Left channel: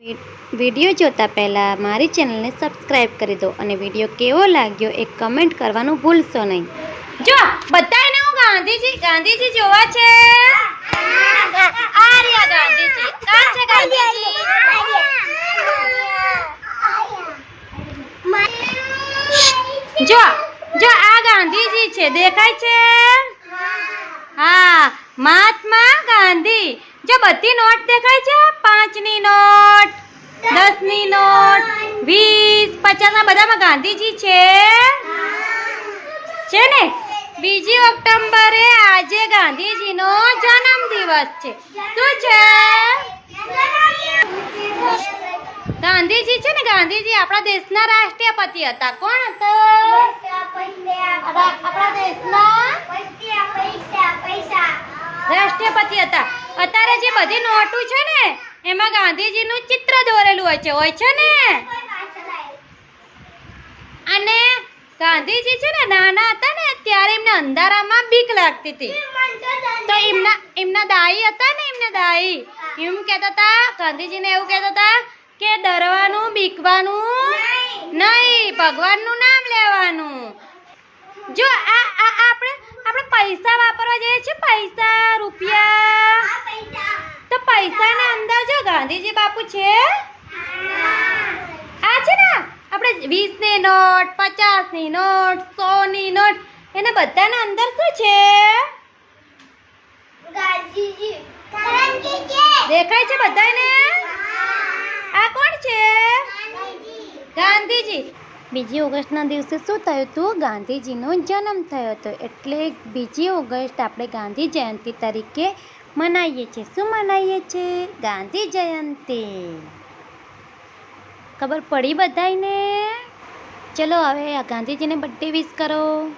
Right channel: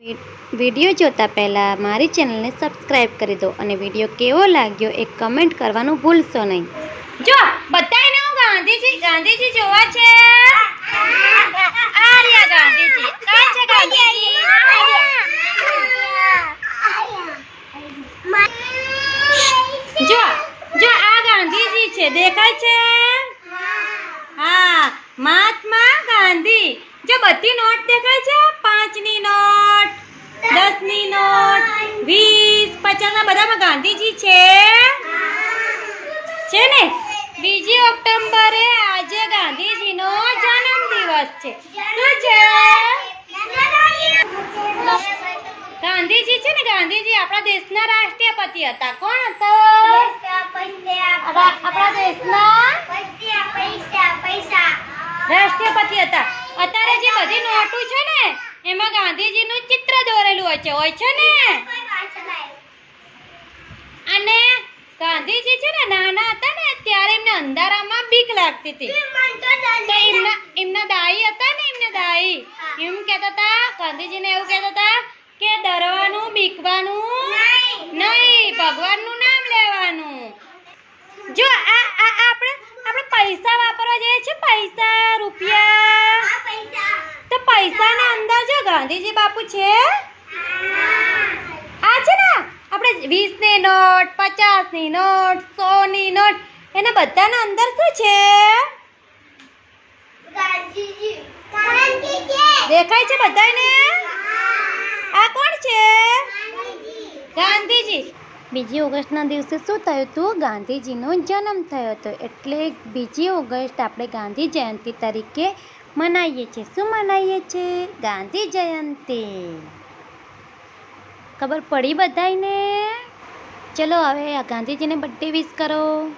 Video જોતા પહેલાં મારી ચેનલને સબસ્ક્રાઈબ કરી દો અને વીડિયો કેવો લાગ્યો એ કમેન્ટ કરવાનું ભૂલશો નહીં. જો બધાને હું ગાંધીજી ગાંધીજી જોવા છે. આર્યા ગાંધીજી. કાં છે ગાંધીજી? જો જો, આ ગાંધીજી છે. દેખાય છે? હા, મહાત્મા ગાંધી. જો, બધી નોટ દેખાય છે? દસની નોટ. વીસ. પચાસના બધામાં ગાંધીજી છે? છે ને? બીજી ઓક્ટોબરે આજે ગાંધીજીનો જન્મ દિવસ છે. શું છે? ગાંધીજી છે ને? ગાંધીજી આપણા દેશના રાષ્ટ્રપતિ હતા. કોણ હતો? આપણા દેશના રાષ્ટ્રપતિ હતા. અત્યારે જે બધી નોટું છે ને એમાં ગાંધીજીનું ચિત્ર દોરેલું હોય છે હોય છે ને? અને ગાંધીજી છે ને, નાના હતા ને, ત્યારે એમને અંધારામાં બીક લાગતી હતી. તો એમના એમના દાઈ હતા ને, એમના દાઈ. એમ કહેતા હતા, ગાંધીજીને એવું કહેતા હતા કે ડરવાનું, બીકવાનું નહીં, ભગવાનનું નામ લેવાનું. જો આ આપણે આપણે પૈસા વાપરવા જઈએ છીએ, પૈસા, રૂપિયા. પૈસાના અંદર જો ગાંધીજી બાપુ છે? આ છે ને આપણે વીસની નોટ પચાસની નોટ સોની નોટ એના બધાના અંદર શું છે? દેખાય છે બધાને આ કોણ છે? ગાંધીજી. બીજી ઓગસ્ટના દિવસે શું થયું હતું? ગાંધીજીનો જન્મ થયો હતો. એટલે બીજી ઓગસ્ટ આપણે ગાંધી જયંતિ તરીકે મનાવીએ છીએ. શું મનાવીએ છીએ? ગાંધી જયંતિ. ખબર પડી બધાને ચલો હવે આ ગાંધીજીને બર્થડે વિશ કરો.